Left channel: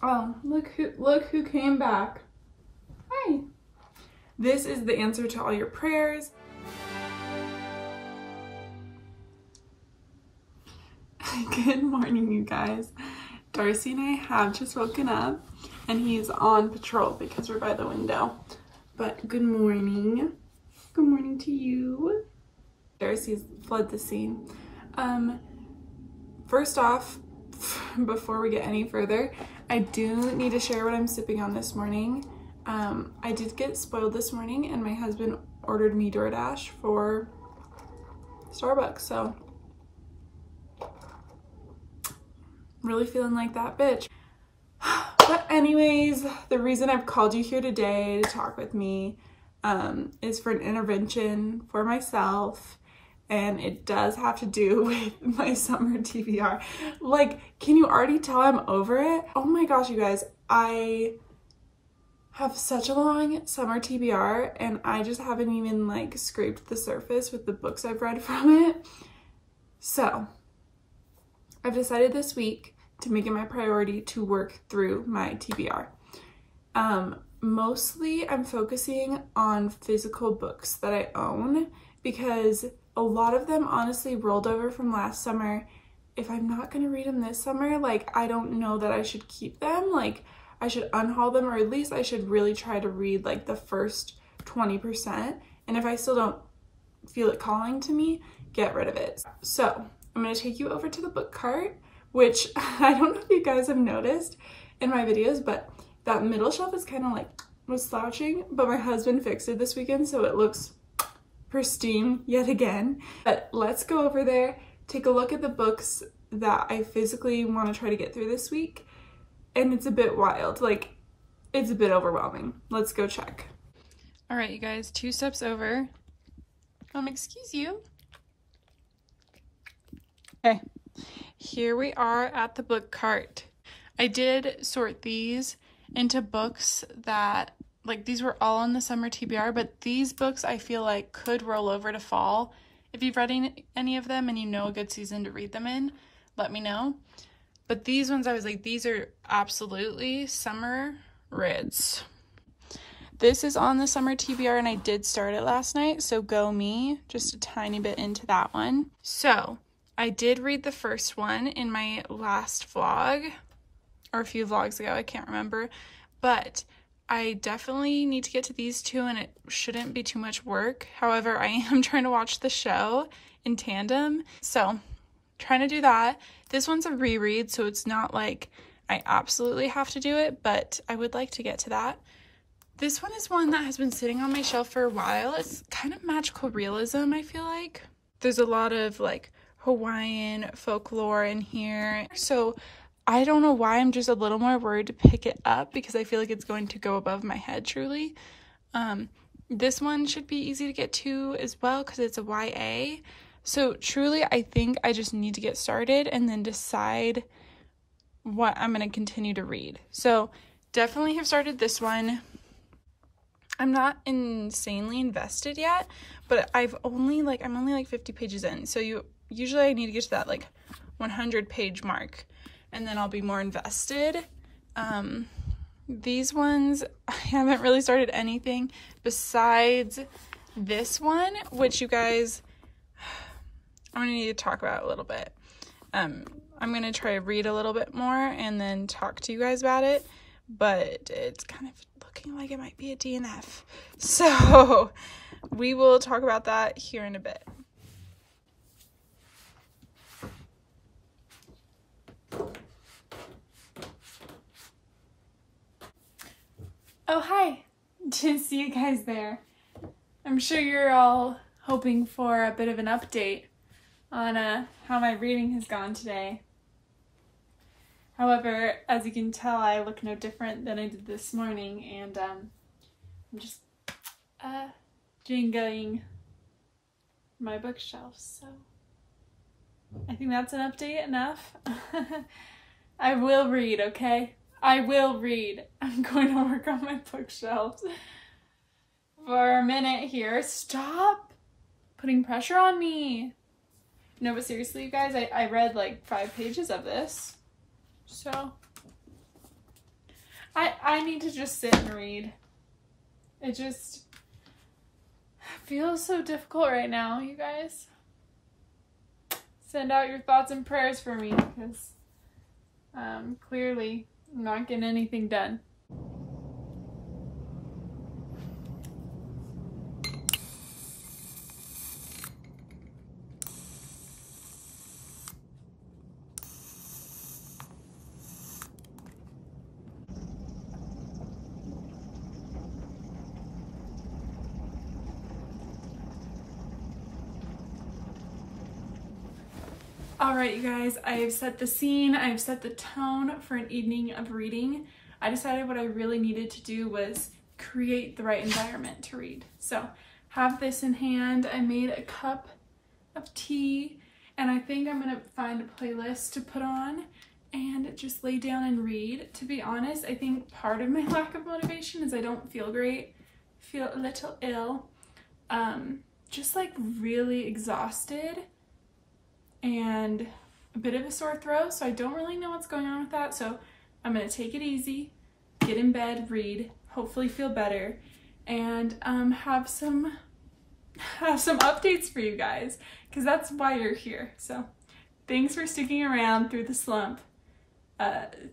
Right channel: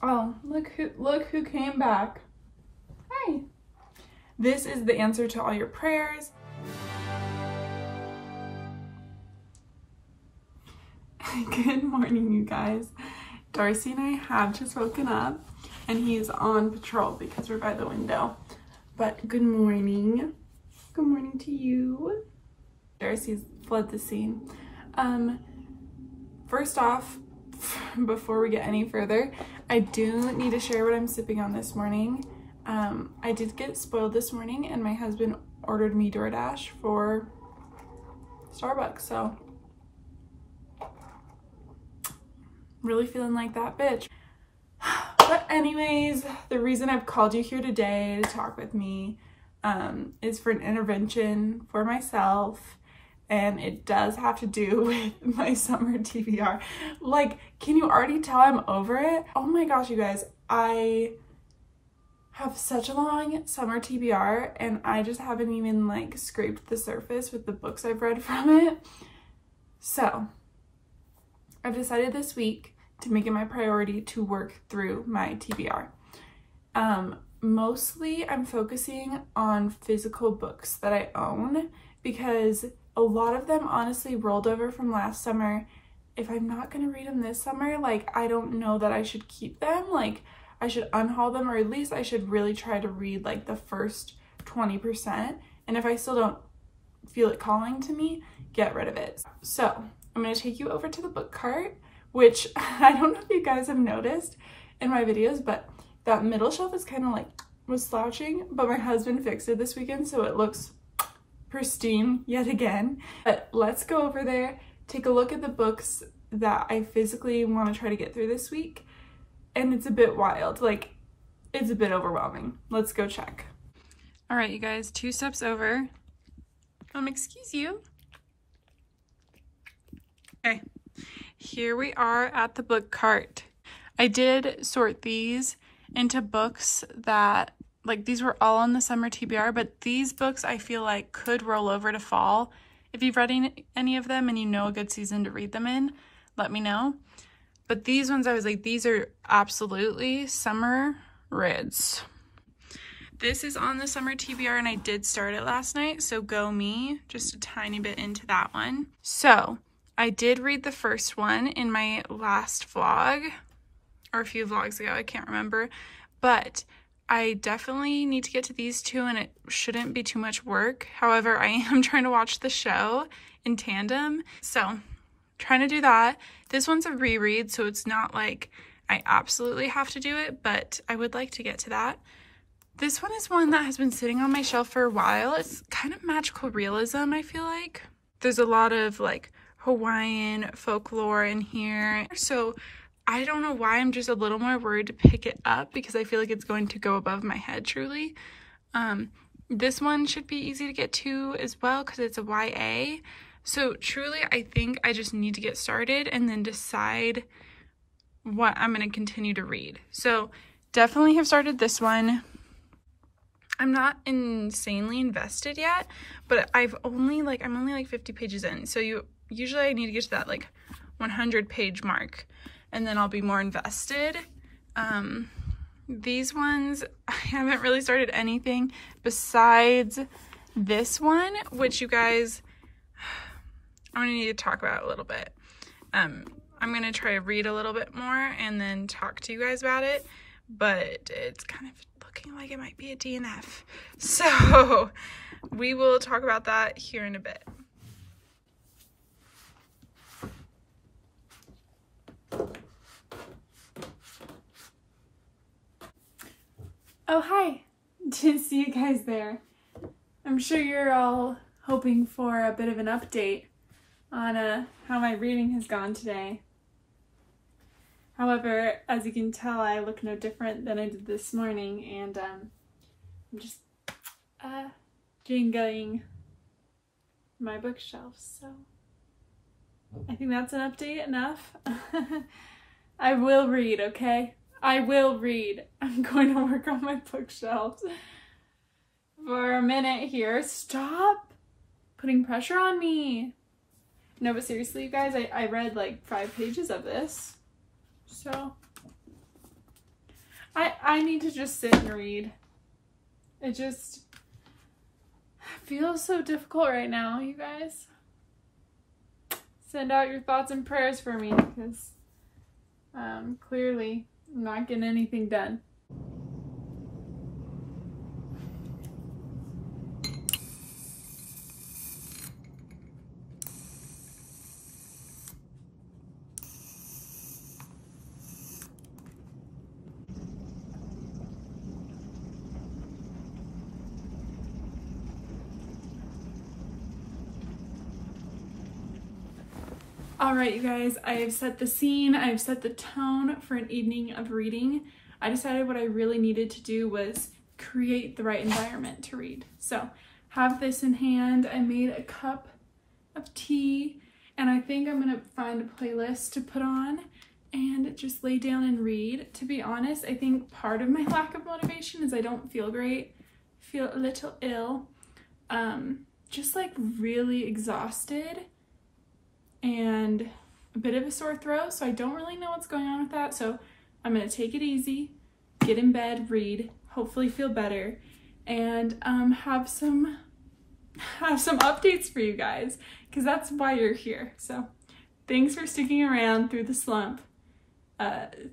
Oh, look who came back. Hi. This is the answer to all your prayers. Good morning, you guys. Darcy and I have just woken up and he's on patrol because we're by the window. But good morning. Good morning to you. Darcy's fled the scene. First off, before we get any further, I do need to share what I'm sipping on this morning. I did get spoiled this morning and my husband ordered me DoorDash for Starbucks, so really feeling like that bitch. But anyways, the reason I've called you here today to talk with me is for an intervention for myself, and it does have to do with my summer TBR. Like, can you already tell I'm over it? Oh my gosh, you guys, I have such a long summer TBR and I just haven't even like scraped the surface with the books I've read from it. So I've decided this week to make it my priority to work through my TBR. Mostly I'm focusing on physical books that I own because a lot of them honestly rolled over from last summer. If I'm not gonna read them this summer, like, I don't know that I should keep them. Like, I should unhaul them, or at least I should really try to read like the first 20%. And if I still don't feel it calling to me, get rid of it. So I'm gonna take you over to the book cart, which I don't know if you guys have noticed in my videos, but that middle shelf is kind of like was slouching, but my husband fixed it this weekend, so it looks pristine yet again. But let's go over there, take a look at the books that I physically want to try to get through this week. And it's a bit wild, like it's a bit overwhelming. Let's go check. All right, you guys, 2 steps over. Excuse you. Okay, here we are at the book cart. I did sort these into books that, like, these were all on the summer TBR, but these books I feel like could roll over to fall. If you've read any of them and you know a good season to read them in, let me know. But these ones, I was like, these are absolutely summer rids. This is on the summer TBR and I did start it last night, so go me, just a tiny bit into that one. So I did read the first one in my last vlog, or a few vlogs ago, I can't remember, but I definitely need to get to these 2 and it shouldn't be too much work. However, I am trying to watch the show in tandem, so trying to do that. This one's a reread, so it's not like I absolutely have to do it, but I would like to get to that. This one is one that has been sitting on my shelf for a while. It's kind of magical realism, I feel like. There's a lot of like Hawaiian folklore in here, so I don't know why I'm just a little more worried to pick it up because I feel like it's going to go above my head truly. This one should be easy to get to as well because it's a YA. So truly, I think I just need to get started and then decide what I'm going to continue to read. So definitely have started this one. I'm not insanely invested yet, but I'm only like 50 pages in. So usually I need to get to that like 100 page mark and then I'll be more invested. These ones, I haven't really started anything besides this one, which you guys, I'm gonna need to talk about a little bit. I'm gonna try to read a little bit more and then talk to you guys about it, but it's kind of looking like it might be a DNF. So we will talk about that here in a bit. Oh, hi. To see you guys there. I'm sure you're all hoping for a bit of an update on how my reading has gone today. However, as you can tell, I look no different than I did this morning, and I'm just jingling my bookshelves, so I think that's an update enough. I will read, okay? I will read. I'm going to work on my bookshelves for a minute here. Stop putting pressure on me. No, but seriously, you guys, I read like 5 pages of this. So I need to just sit and read. It just feels so difficult right now, you guys. Send out your thoughts and prayers for me, because clearly I'm not getting anything done. All right, you guys, I've set the scene, I've set the tone for an evening of reading. I decided what I really needed to do was create the right environment to read. So, have this in hand. I made a cup of tea, and I think I'm gonna find a playlist to put on and just lay down and read. To be honest, I think part of my lack of motivation is I don't feel great, feel a little ill, just like really exhausted and a bit of a sore throat, so I don't really know what's going on with that. So I'm gonna take it easy, get in bed, read, hopefully feel better, and have some updates for you guys, because that's why you're here. So thanks for sticking around through the slump,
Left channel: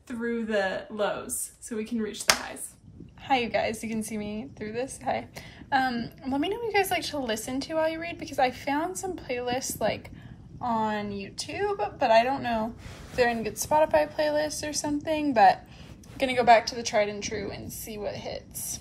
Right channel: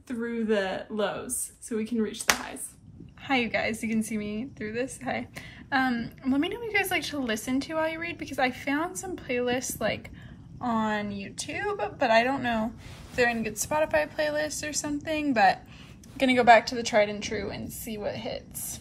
through the lows, so we can reach the highs. Hi, you guys, you can see me through this. Hi. Let me know what you guys like to listen to while you read, because I found some playlists like on YouTube, but I don't know if they're in good Spotify playlists or something, but I'm gonna go back to the tried and true and see what hits.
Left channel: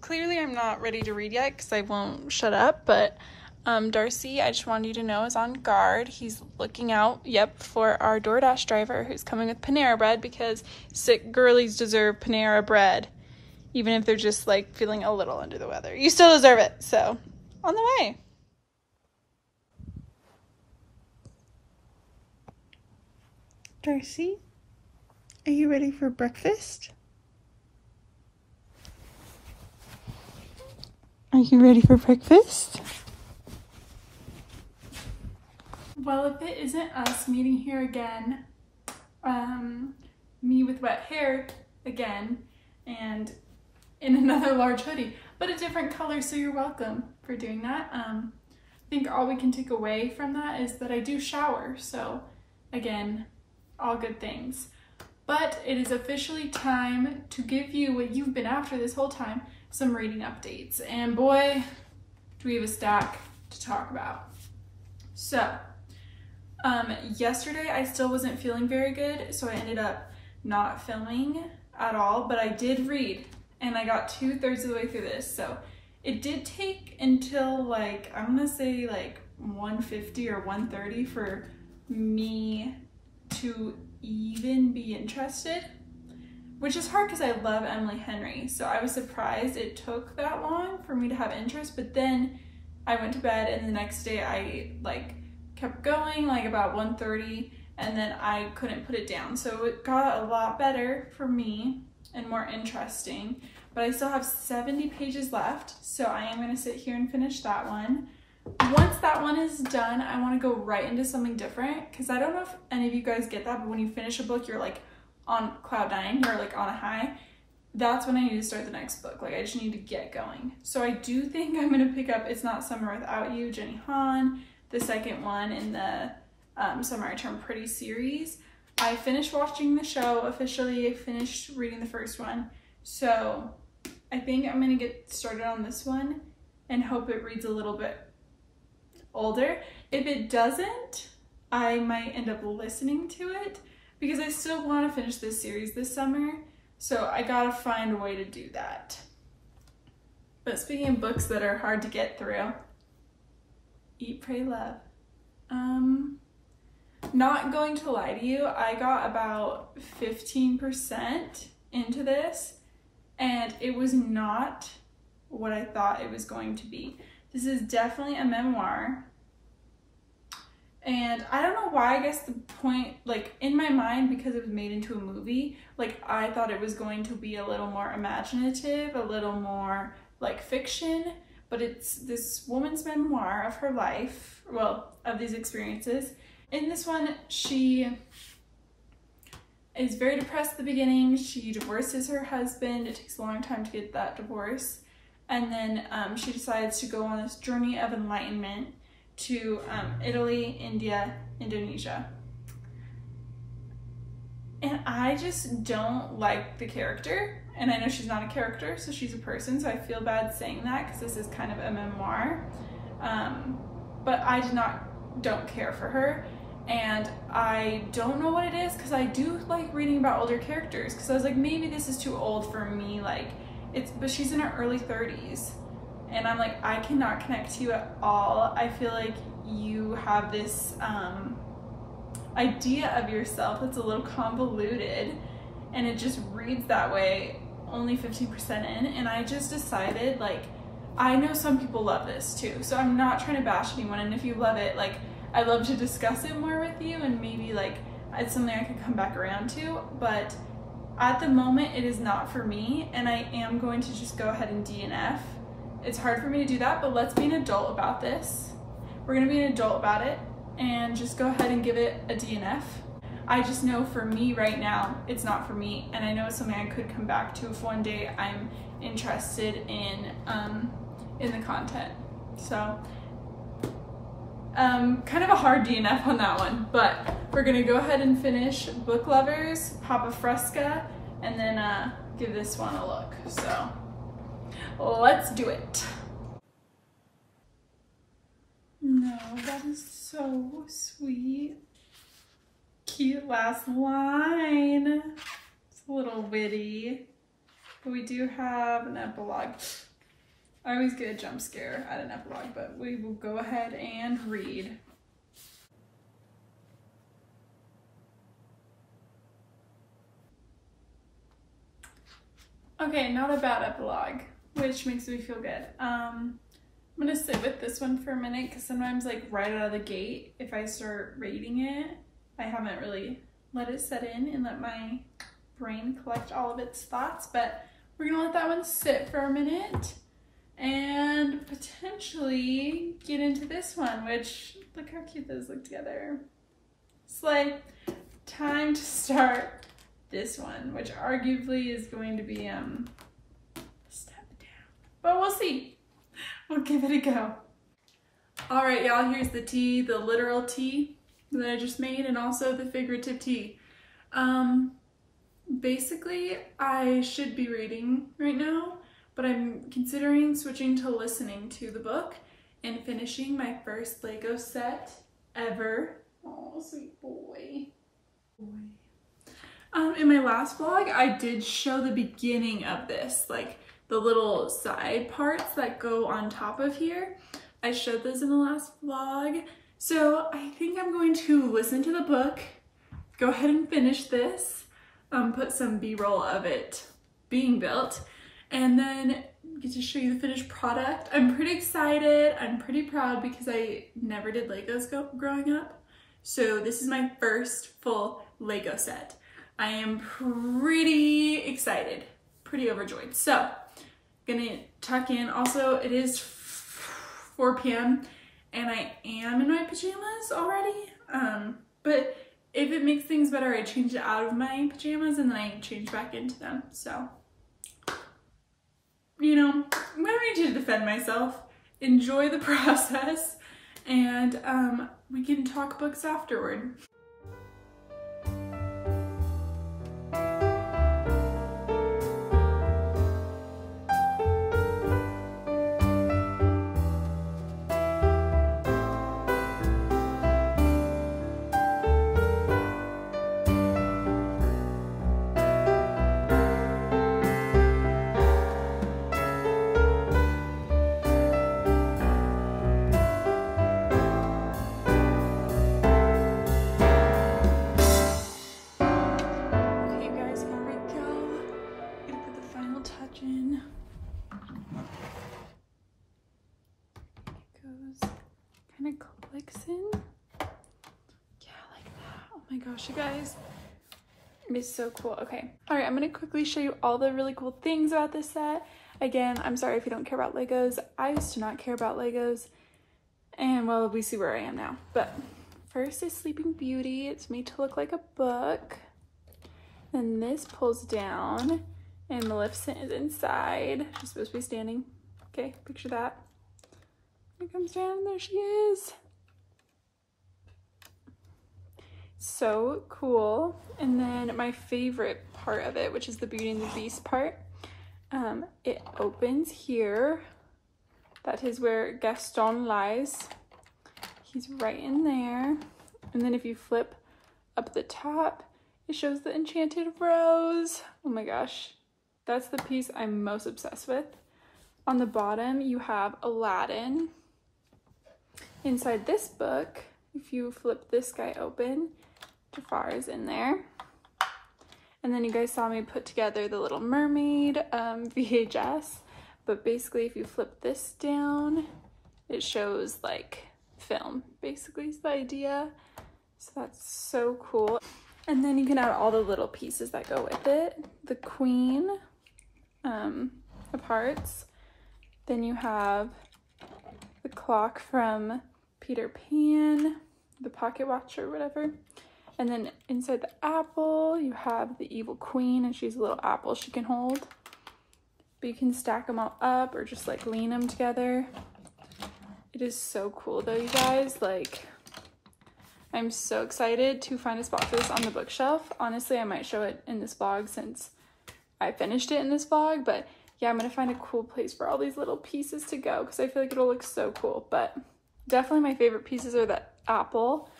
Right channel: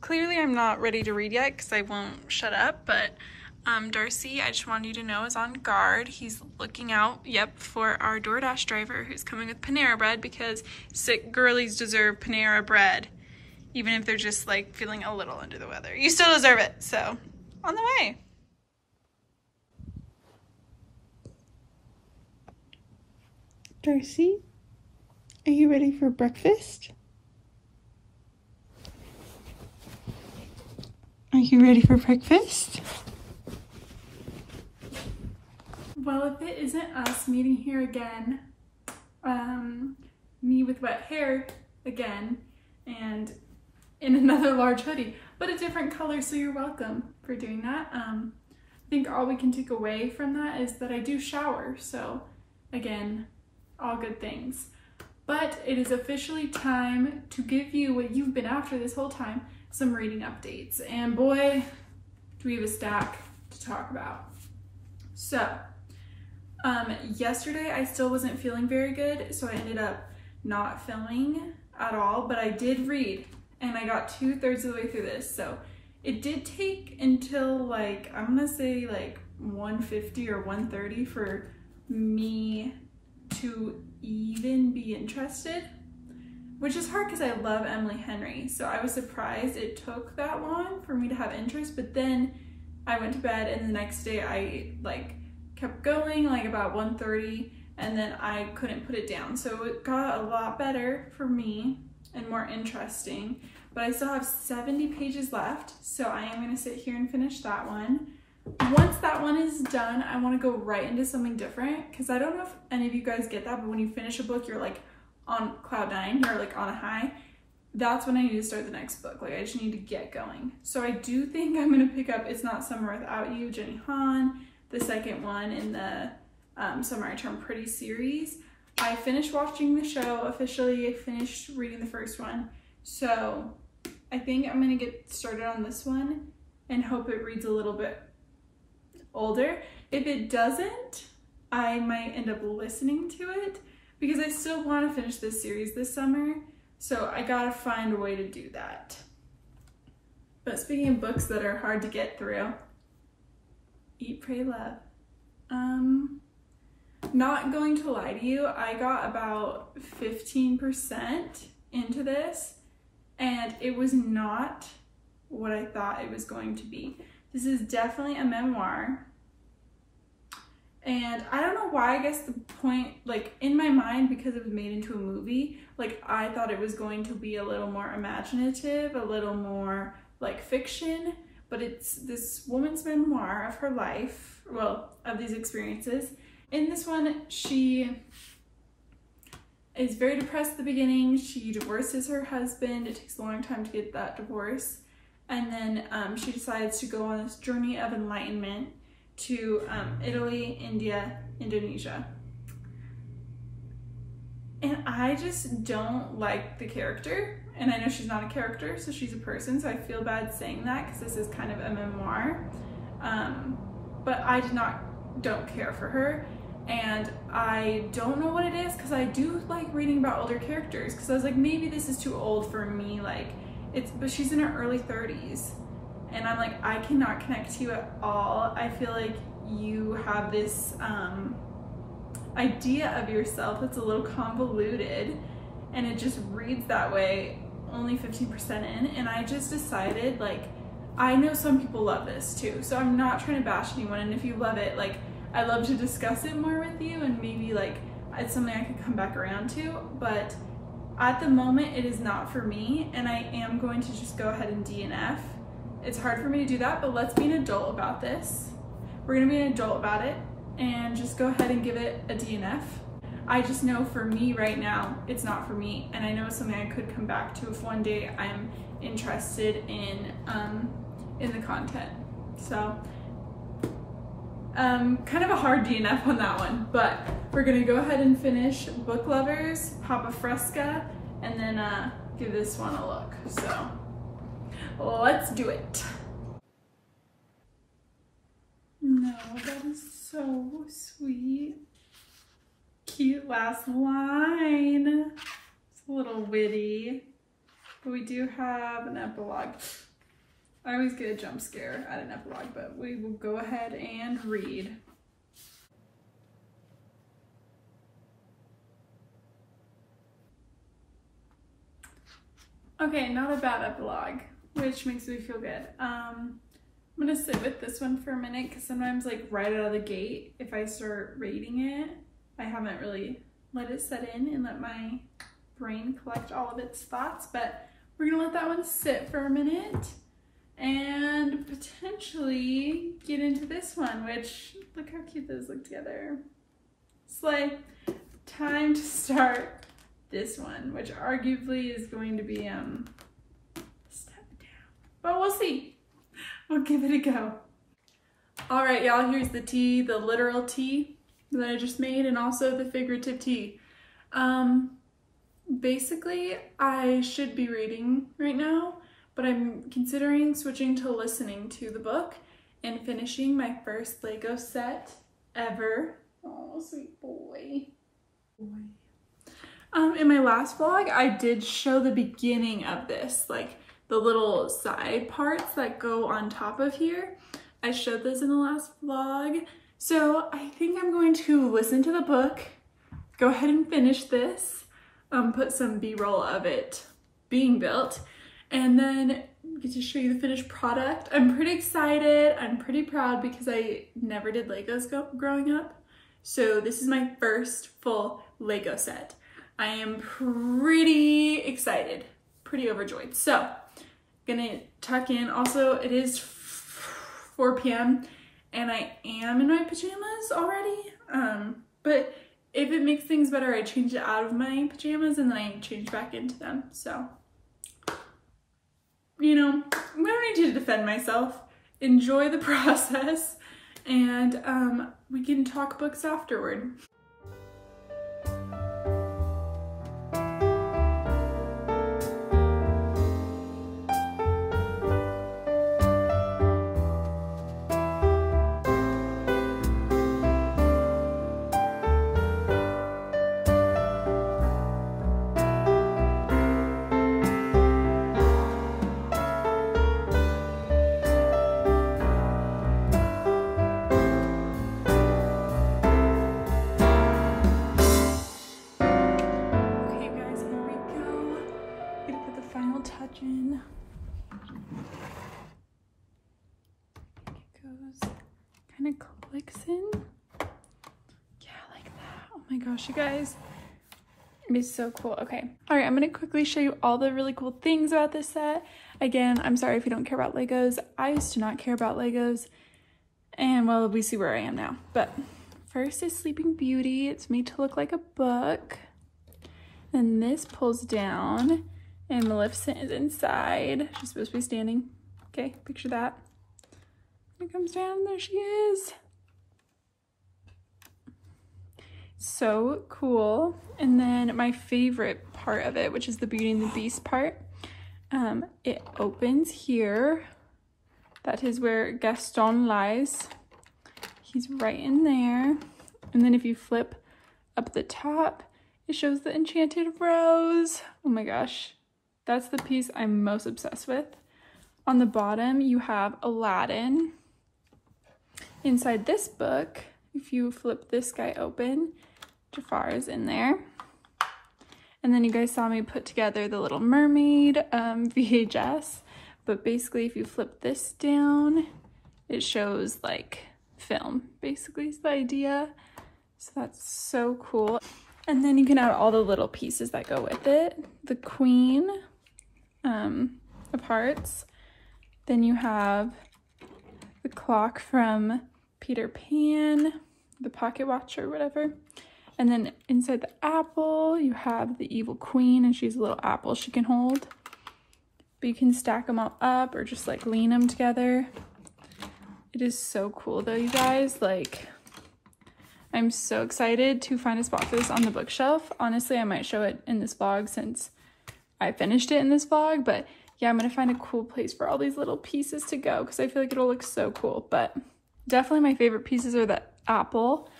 Clearly I'm not ready to read yet because I won't shut up, but Darcy, I just wanted you to know, is on guard. He's looking out, for our DoorDash driver who's coming with Panera bread, because sick girlies deserve Panera bread, even if they're just like feeling a little under the weather. You still deserve it, so on the way. Darcy, are you ready for breakfast? Are you ready for breakfast? Well, if it isn't us meeting here again, me with wet hair again, and in another large hoodie, but a different color, so you're welcome for doing that. I think all we can take away from that is that I do shower, so again, all good things. But it is officially time to give you what you've been after this whole time, some reading updates. And boy, do we have a stack to talk about. So, yesterday I still wasn't feeling very good, so I ended up not filming at all, but I did read, and I got 2/3 of the way through this. So it did take until like, I'm gonna say like 1:50 or 1:30 for me to even be interested, which is hard because I love Emily Henry, so I was surprised it took that long for me to have interest. But then I went to bed, and the next day I like kept going, like about 1:30, and then I couldn't put it down, so it got a lot better for me and more interesting. But I still have 70 pages left, so I am going to sit here and finish that one. Once that one is done, I want to go right into something different, because I don't know if any of you guys get that, but when you finish a book, you're like on cloud 9, you're like on a high. That's when I need to start the next book. Like, I just need to get going. So I do think I'm going to pick up It's Not Summer Without You, Jenny Han, the second one in the Summer I Turn Pretty series. I finished watching the show officially. I finished reading the first one. So I think I'm going to get started on this one and hope it reads a little bit older. If it doesn't, I might end up listening to it, because I still want to finish this series this summer, so I gotta find a way to do that. But speaking of books that are hard to get through, Eat, Pray, Love. Not going to lie to you, I got about 15% into this, and it was not what I thought it was going to be. This is definitely a memoir, and I don't know why. I guess the point, like in my mind, because it was made into a movie, like I thought it was going to be a little more imaginative, a little more like fiction, but it's this woman's memoir of her life, well, of these experiences. In this one, she is very depressed at the beginning. She divorces her husband. It takes a long time to get that divorce. And then she decides to go on this journey of enlightenment to Italy, India, Indonesia. And I just don't like the character. And I know she's not a character, so she's a person, so I feel bad saying that because this is kind of a memoir. But I don't care for her. And I don't know what it is, because I do like reading about older characters, because I was like, maybe this is too old for me, like, but she's in her early 30s, and I'm like, I cannot connect to you at all. I feel like you have this idea of yourself that's a little convoluted, and it just reads that way, only 15% in, and I just decided, like, I know some people love this too, so I'm not trying to bash anyone, and if you love it, like, I'd love to discuss it more with you, and maybe like it's something I could come back around to, but at the moment it is not for me, and I am going to just go ahead and DNF. It's hard for me to do that, but let's be an adult about this. We're gonna be an adult about it and just go ahead and give it a DNF. I just know for me right now, it's not for me, and I know it's something I could come back to if one day I'm interested in the content. So kind of a hard DNF on that one, but we're gonna go ahead and finish Book Lovers, Papa Fresca, and then give this one a look. So let's do it. No, that is so sweet. Cute last line. It's a little witty, but we do have an epilogue. I always get a jump scare at an epilogue, but we will go ahead and read. Okay, not a bad epilogue, which makes me feel good. I'm gonna sit with this one for a minute, because sometimes, like, right out of the gate, if I start reading it, I haven't really let it set in and let my brain collect all of its thoughts, but we're gonna let that one sit for a minute and potentially get into this one, which, look how cute those look together. Slay. Time to start this one, which arguably is going to be a step down, but we'll see. We'll give it a go. All right, y'all, here's the tea, the literal tea that I just made, and also the figurative tea. Basically, I should be reading right now, but I'm considering switching to listening to the book and finishing my first Lego set ever. Oh, sweet boy. In my last vlog, I did show the beginning of this, like the little side parts that go on top of here. I showed those in the last vlog. So I think I'm going to listen to the book, go ahead and finish this, put some B-roll of it being built, and then get to show you the finished product. I'm pretty excited. I'm pretty proud because I never did Legos growing up. So this is my first full Lego set. I am pretty excited, pretty overjoyed. So gonna tuck in. Also, it is 4 p.m. and I am in my pajamas already. But if it makes things better, I change it out of my pajamas and then I change back into them. So, you know, I don't need to defend myself. Enjoy the process, and we can talk books afterward. You guys, it's so cool. Okay, all right, I'm gonna quickly show you all the really cool things about this set. Again, I'm sorry if you don't care about Legos. I used to not care about Legos, and well, we see where I am now. But first is Sleeping Beauty. It's made to look like a book. And this pulls down and lifts it inside. She's supposed to be standing. Okay, picture that. It comes down, there she is. So cool. And then my favorite part of it, which is the Beauty and the Beast part, it opens here. That is where Gaston lies. He's right in there. And then if you flip up the top, it shows the enchanted rose. Oh my gosh, that's the piece I'm most obsessed with. On the bottom, you have Aladdin. Inside this book, if you flip this guy open, Jafar is in there. And then you guys saw me put together the Little Mermaid VHS. But basically, if you flip this down, it shows like film, basically is the idea. So that's so cool. And then you can add all the little pieces that go with it. The Queen of Hearts. Then you have the clock from Peter Pan, the pocket watch or whatever. And then inside the apple, you have the evil queen, and she's a little apple she can hold. But you can stack them all up or just like lean them together. It is so cool though, you guys. Like, I'm so excited to find a spot for this on the bookshelf. Honestly, I might show it in this vlog since I finished it in this vlog, but yeah, I'm gonna find a cool place for all these little pieces to go because I feel like it'll look so cool. But definitely my favorite pieces are the apple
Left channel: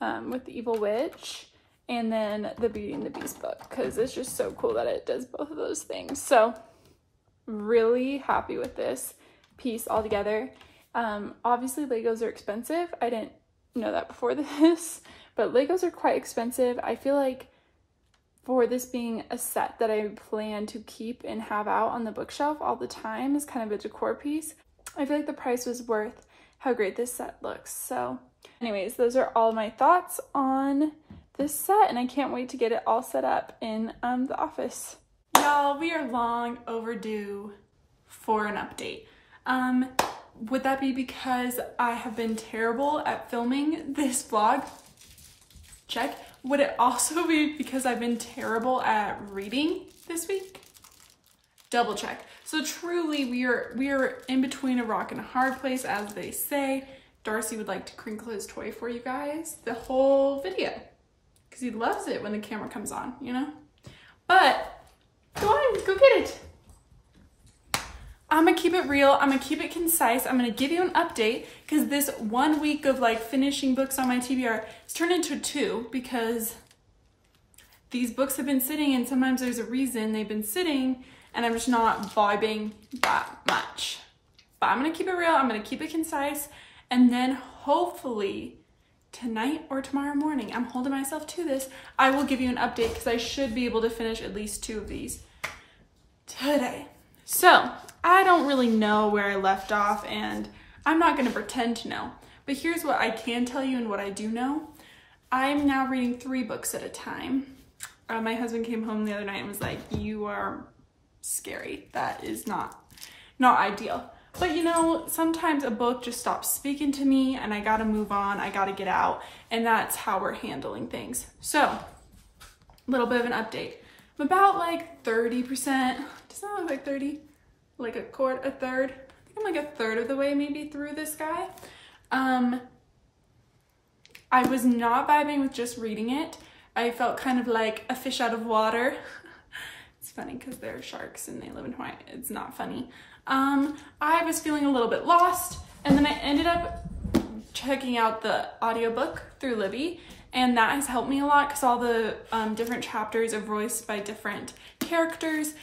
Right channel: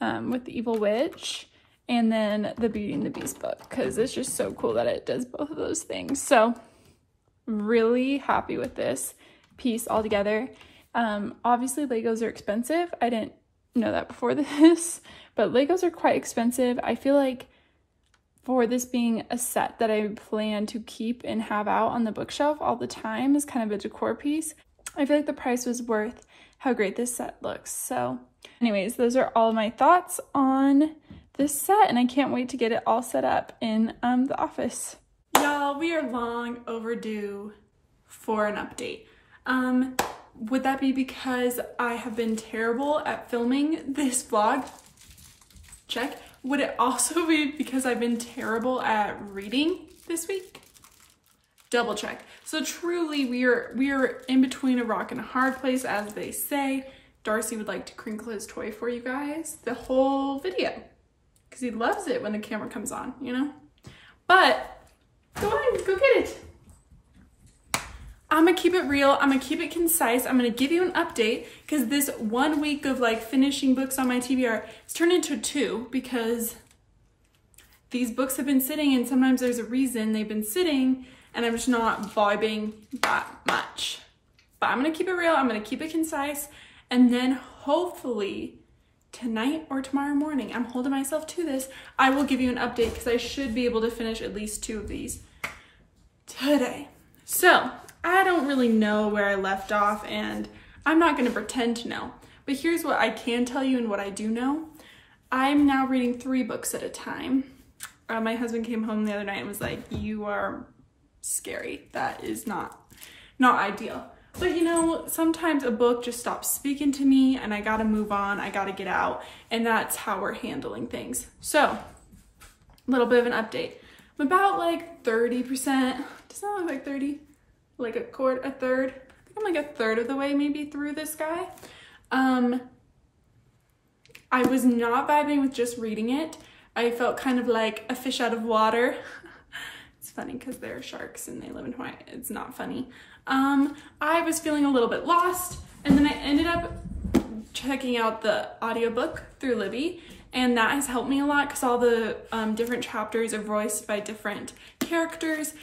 with the evil witch, and then the Beauty and the Beast book, because it's just so cool that it does both of those things. So really happy with this piece all together. Obviously Legos are expensive. I didn't know that before this, but Legos are quite expensive. I feel like for this being a set that I plan to keep and have out on the bookshelf all the time as kind of a decor piece, I feel like the price was worth how great this set looks. So anyways, those are all my thoughts on this set, and I can't wait to get it all set up in the office. Y'all, we are long overdue for an update. Would that be because I have been terrible at filming this vlog? Check. Would it also be because I've been terrible at reading this week? Double check. So truly, we are in between a rock and a hard place, as they say. Darcy would like to crinkle his toy for you guys the whole video because he loves it when the camera comes on, you know? But go on, go get it. I'm gonna keep it real. I'm gonna keep it concise. I'm gonna give you an update because this 1 week of like finishing books on my TBR has turned into 2 because these books have been sitting, and sometimes there's a reason they've been sitting and I'm just not vibing that much. But I'm gonna keep it real. I'm gonna keep it concise. And then hopefully tonight or tomorrow morning, I'm holding myself to this, I will give you an update because I should be able to finish at least 2 of these today. So I don't really know where I left off, and I'm not going to pretend to know. But here's what I can tell you and what I do know. I'm now reading 3 books at a time. My husband came home the other night and was like, "You are scary. That is not ideal." But you know, sometimes a book just stops speaking to me and I gotta move on, I gotta get out, and that's how we're handling things. So, a little bit of an update. I'm about like 30%, does that look like 30? Like a third? I think I'm like a third of the way maybe through this guy. I was not vibing with just reading it. I felt kind of like a fish out of water. It's funny because they're sharks and they live in Hawaii. It's not funny. I was feeling a little bit lost, and then I ended up checking out the audiobook through Libby, and that has helped me a lot because all the different chapters are voiced by different characters,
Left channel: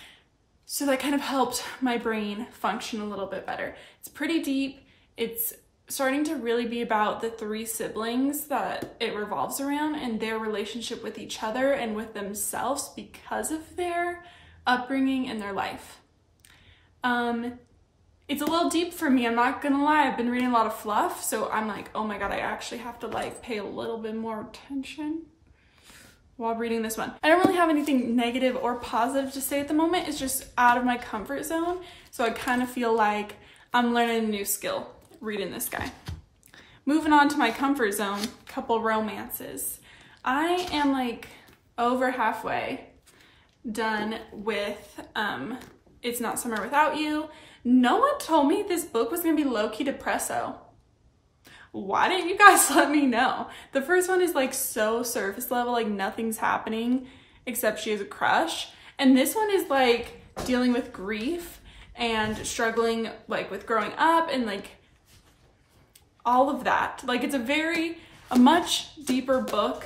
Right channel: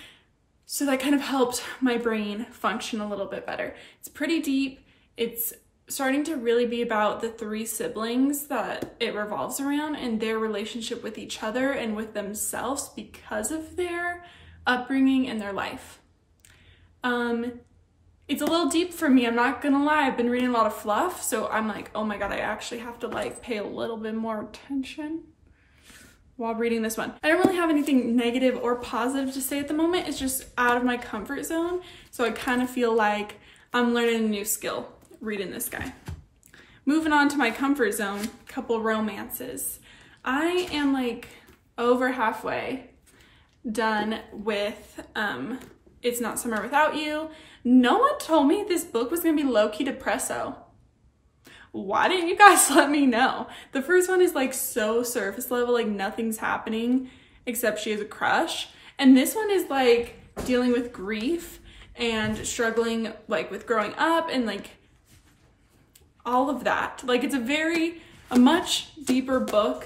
so that kind of helped my brain function a little bit better. It's pretty deep. It's starting to really be about the 3 siblings that it revolves around and their relationship with each other and with themselves because of their upbringing and their life. It's a little deep for me, I'm not gonna lie. I've been reading a lot of fluff, so I'm like, oh my god, I actually have to like pay a little bit more attention while reading this one. I don't really have anything negative or positive to say at the moment. It's just out of my comfort zone, so I kind of feel like I'm learning a new skill reading this guy. Moving on to my comfort zone, couple romances. I am like over halfway done with It's Not Summer Without You. No one told me this book was gonna be low-key depresso. Why didn't you guys let me know? The first one is like so surface level, like nothing's happening except she has a crush. And this one is like dealing with grief and struggling like with growing up and like all of that. Like it's a much deeper book,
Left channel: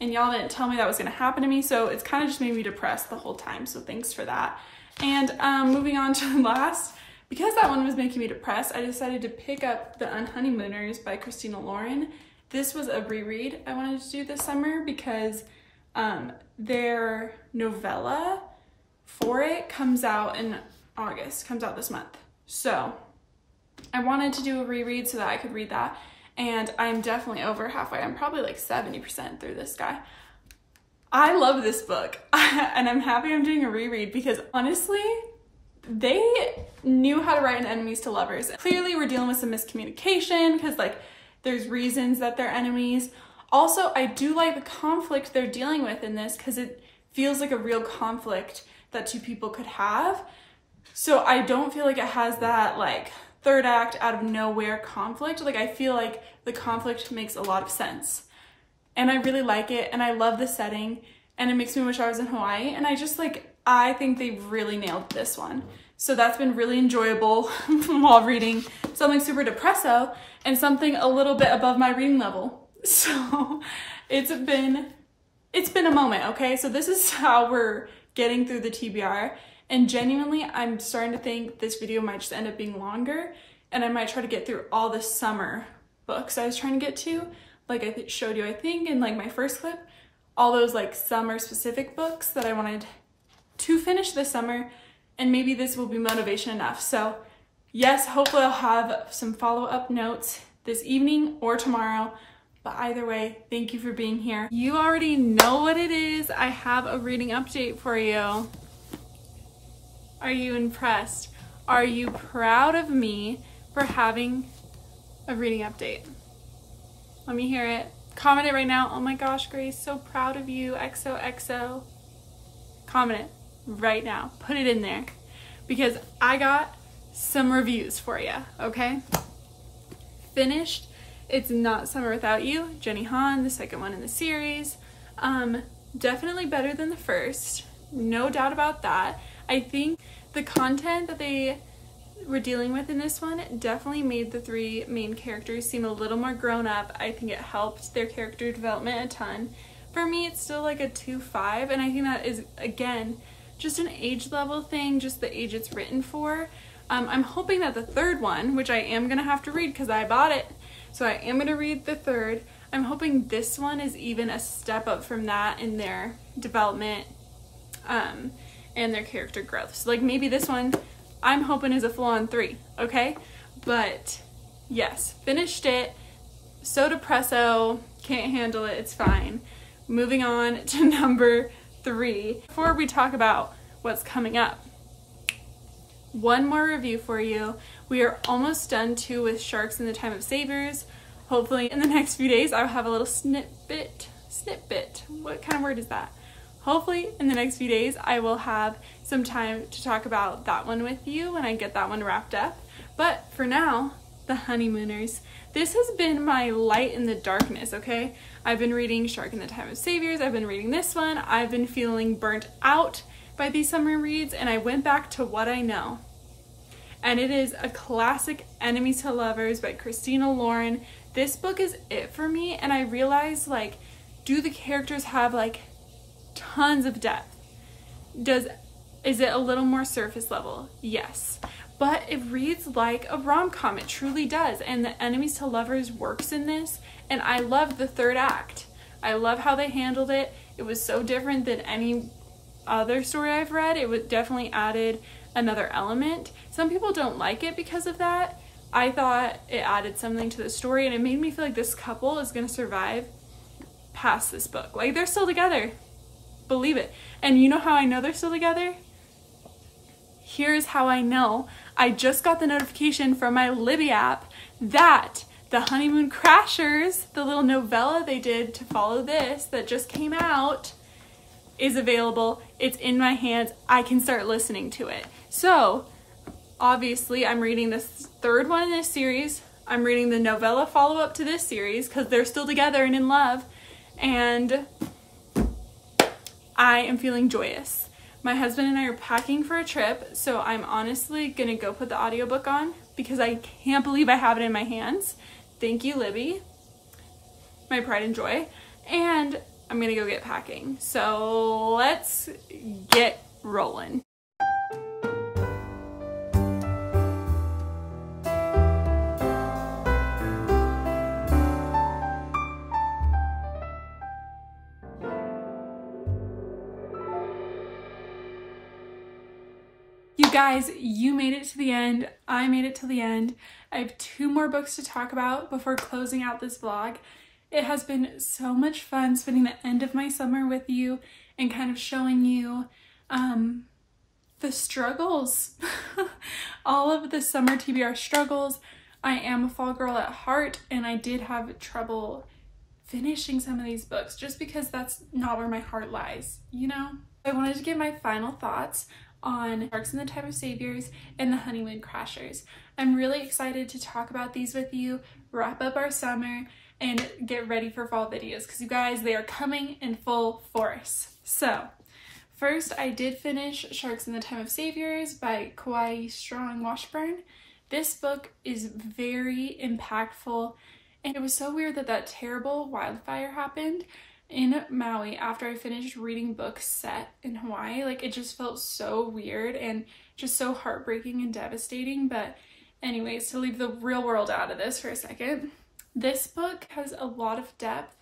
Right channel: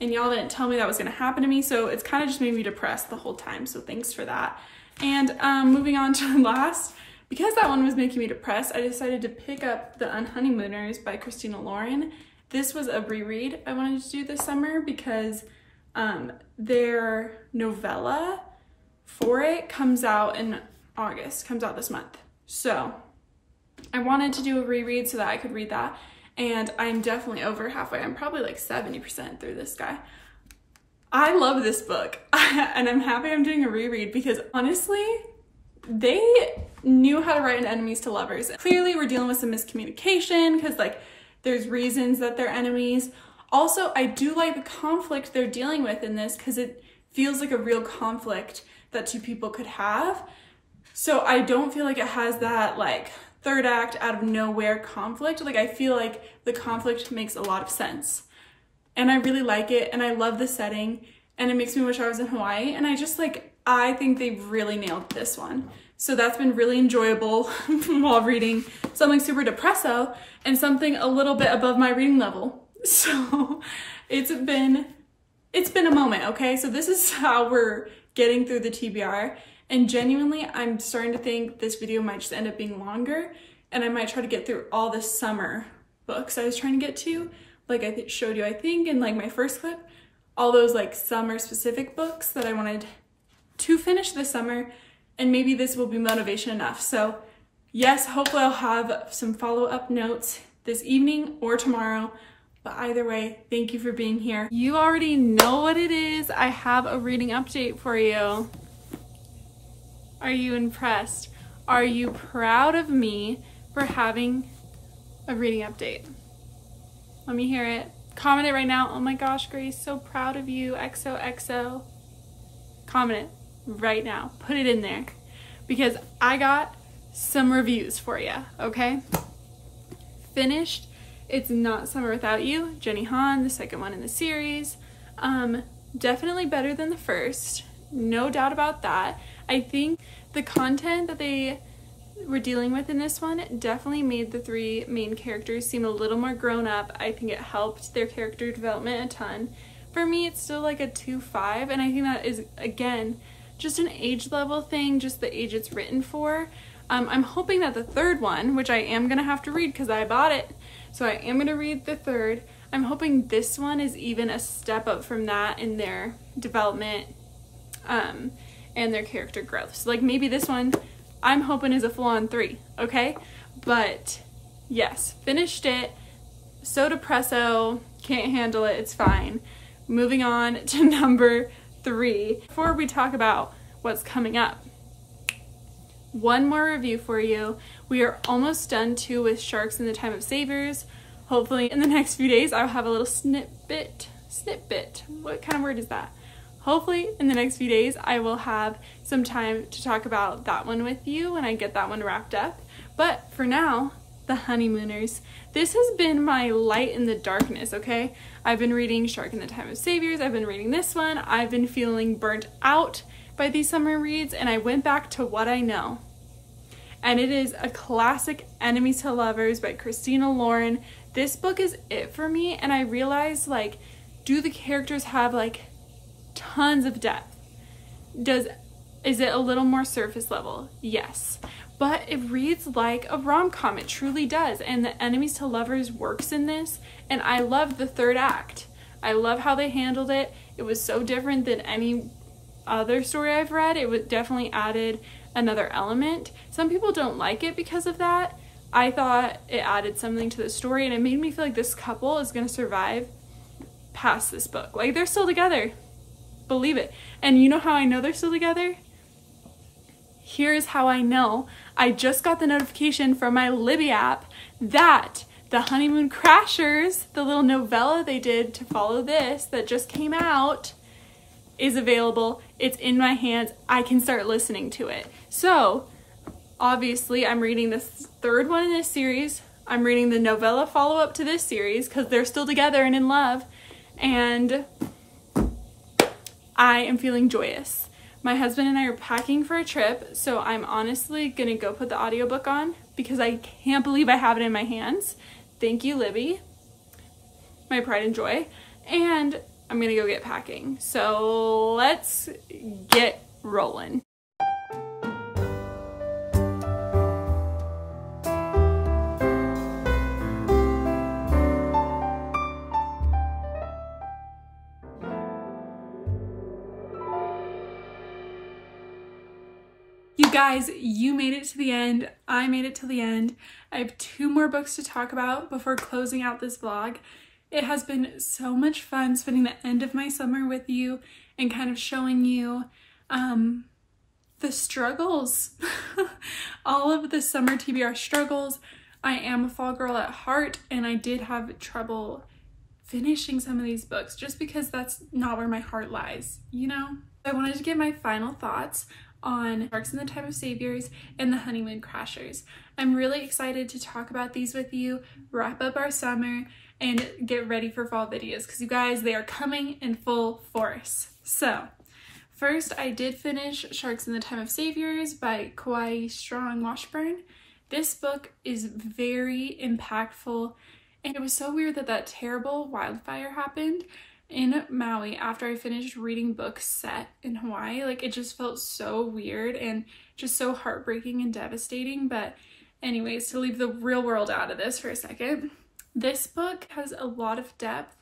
and y'all didn't tell me that was gonna happen to me, so it's kind of just made me depressed the whole time, so thanks for that. And moving on to the last, because that one was making me depressed, I decided to pick up The Unhoneymooners by Christina Lauren. This was a reread I wanted to do this summer because their novella for it comes out in August, comes out this month. So I wanted to do a reread so that I could read that, and I'm definitely over halfway. I'm probably like 70% through this guy. I love this book and I'm happy I'm doing a reread because honestly, they knew how to write an enemies to lovers. Clearly we're dealing with some miscommunication because like there's reasons that they're enemies. Also, I do like the conflict they're dealing with in this because it feels like a real conflict that two people could have. So I don't feel like it has that like third act out of nowhere conflict. Like I feel like the conflict makes a lot of sense. And I really like it, and I love the setting, and it makes me wish I was in Hawaii, and I think they really nailed this one. So that's been really enjoyable while reading something super depresso and something a little bit above my reading level. So it's been a moment, okay? So this is how we're getting through the TBR, and genuinely, I'm starting to think this video might just end up being longer, and I might try to get through all the summer books I was trying to get to. Like I showed you, I think, in like my first clip, all those like summer specific books that I wanted to finish this summer, and maybe this will be motivation enough. So yes, hopefully I'll have some follow-up notes this evening or tomorrow, but either way, thank you for being here. You already know what it is. I have a reading update for you. Are you impressed? Are you proud of me for having a reading update? Let me hear it. Comment it right now. Oh my gosh, Grace, so proud of you. XOXO. Comment it right now. Put it in there because I got some reviews for you, okay? Finished It's Not Summer Without You, Jenny Han, the second one in the series. Definitely better than the first. No doubt about that. I think the content that they were dealing with in this one definitely made the three main characters seem a little more grown up. I think it helped their character development a ton. For me, it's still like a 2.5, and I think that is, again, just an age level thing, just the age it's written for. I'm hoping that the third one, which I am gonna have to read because I bought it, so I am gonna read the third. I'm hoping this one is even a step up from that in their development and their character growth. So like maybe this one I'm hoping is a full-on 3, okay? But yes, finished it. So depresso, can't handle it, it's fine. Moving on to number 3. Before we talk about what's coming up, one more review for you. We are almost done too with Sharks in the Time of Saviors. Hopefully in the next few days I'll have a little snippet. What kind of word is that? Hopefully in the next few days I will have some time to talk about that one with you when I get that one wrapped up. But for now, The Honeymooners. This has been my light in the darkness, okay? I've been reading Shark in the Time of Saviors. I've been reading this one. I've been feeling burnt out by these summer reads, and I went back to what I know. And it is a classic Enemies to Lovers by Christina Lauren. This book is it for me, and I realized, like, do the characters have, like, tons of depth? Is it a little more surface level? Yes. But it reads like a rom-com. It truly does. And the Enemies to Lovers works in this. And I love the third act. I love how they handled it. It was so different than any other story I've read. It definitely added another element. Some people don't like it because of that. I thought it added something to the story, and it made me feel like this couple is going to survive past this book. Like, they're still together. Believe it. And you know how I know they're still together? Here's how I know. I just got the notification from my Libby app that the Honeymoon Crashers, the little novella they did to follow this that just came out, is available. It's in my hands. I can start listening to it. So obviously I'm reading the third one in this series. I'm reading the novella follow-up to this series because they're still together and in love. And I am feeling joyous. My husband and I are packing for a trip, so I'm honestly gonna go put the audiobook on because I can't believe I have it in my hands. Thank you, Libby. My pride and joy. And I'm gonna go get packing. So let's get rolling. You guys, you made it to the end. I made it to the end. I have 2 more books to talk about before closing out this vlog. It has been so much fun spending the end of my summer with you and kind of showing you the struggles, all of the summer TBR struggles. I am a fall girl at heart, and I did have trouble finishing some of these books just because that's not where my heart lies, you know? I wanted to give my final thoughts on Sharks in the Time of Saviors and the Honeymoon Crashers. I'm really excited to talk about these with you, wrap up our summer, and get ready for fall videos because you guys, they are coming in full force. So first, I did finish Sharks in the Time of Saviors by Kauai Strong Washburn. This book is very impactful, and it was so weird that that terrible wildfire happened in Maui after I finished reading books set in Hawaii. Like, it just felt so weird and just so heartbreaking and devastating. But anyways, to leave the real world out of this for a second, this book has a lot of depth,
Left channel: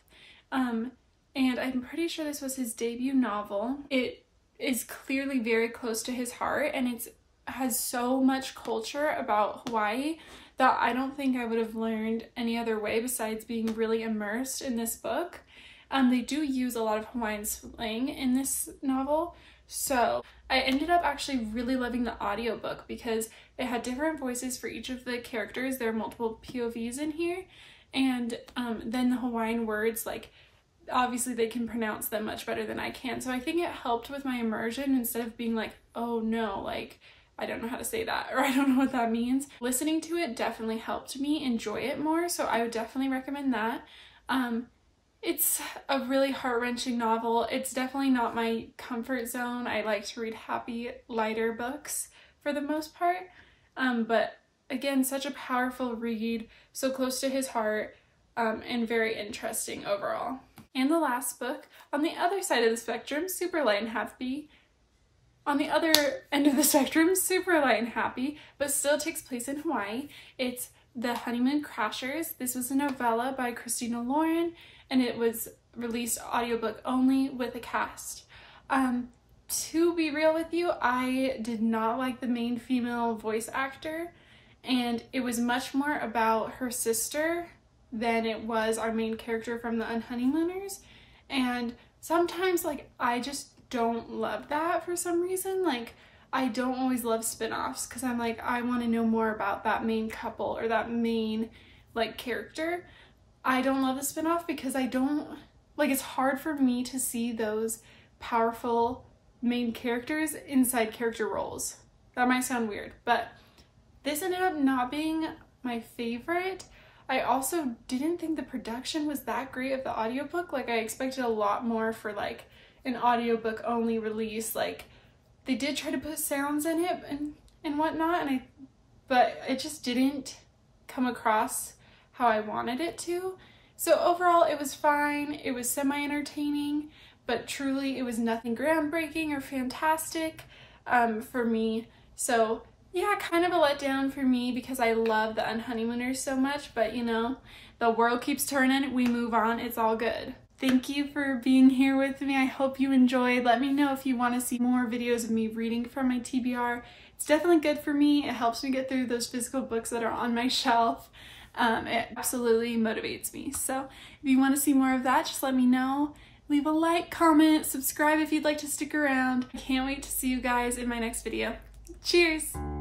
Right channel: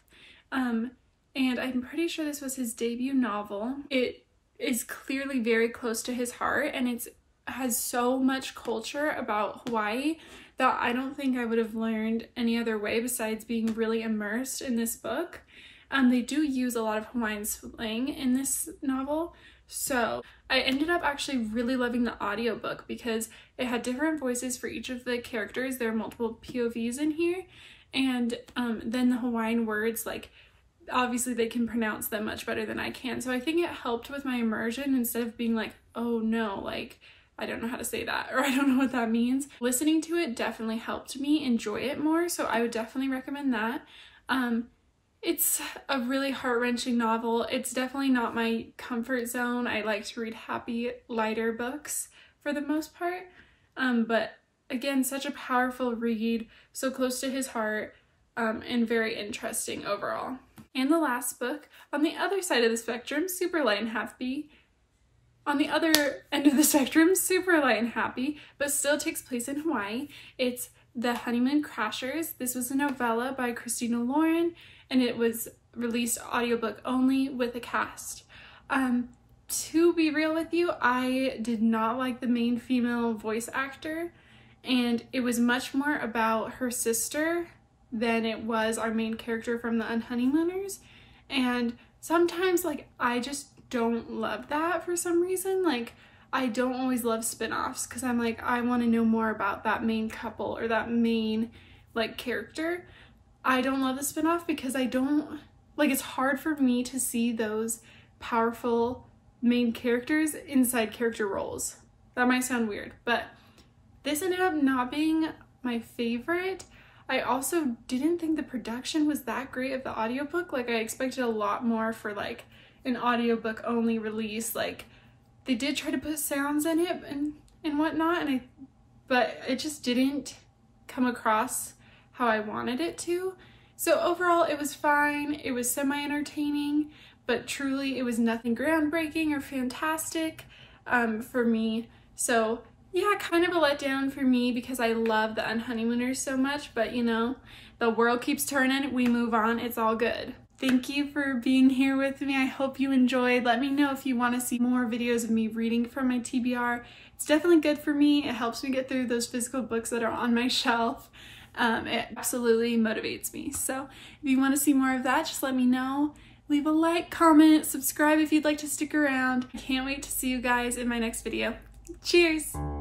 and I'm pretty sure this was his debut novel. It is clearly very close to his heart, and it has so much culture about Hawaii that I don't think I would have learned any other way besides being really immersed in this book. They do use a lot of Hawaiian slang in this novel, so I ended up actually really loving the audiobook because it had different voices for each of the characters. There are multiple POVs in here, and then the Hawaiian words, like, obviously they can pronounce them much better than I can, so I think it helped with my immersion instead of being like, oh no, like, I don't know how to say that, or I don't know what that means. Listening to it definitely helped me enjoy it more, so I would definitely recommend that. It's a really heart-wrenching novel. It's definitely not my comfort zone. I like to read happy, lighter books for the most part, but again, such a powerful read, so close to his heart, and very interesting overall. And the last book, on the other side of the spectrum, super light and happy. On the other end of the spectrum, super light and happy, but still takes place in Hawaii. It's The Honeymoon Crashers. This was a novella by Christina Lauren, and it was released audiobook only with a cast. To be real with you, I did not like the main female voice actor, and it was much more about her sister than it was our main character from the Unhoneymooners. And sometimes, like, I just don't love that for some reason. Like, I don't always love spin-offs because I'm like, I want to know more about that main couple or that main, like, character. I don't love the spin-off because I don't, like, it's hard for me to see those powerful main characters inside character roles. That might sound weird, but this ended up not being my favorite. I also didn't think the production was that great of the audiobook. Like, I expected a lot more for, like, an audiobook only release. Like, they did try to put sounds in it and whatnot, but it just didn't come across how I wanted it to. So overall, it was fine. It was semi-entertaining, but truly it was nothing groundbreaking or fantastic for me. So yeah, kind of a letdown for me because I love the Unhoneymooners so much, but you know, the world keeps turning, we move on, it's all good. Thank you for being here with me. I hope you enjoyed. Let me know if you want to see more videos of me reading from my TBR. It's definitely good for me. It helps me get through those physical books that are on my shelf. It absolutely motivates me. So if you want to see more of that, just let me know. Leave a like, comment, subscribe if you'd like to stick around. I can't wait to see you guys in my next video. Cheers!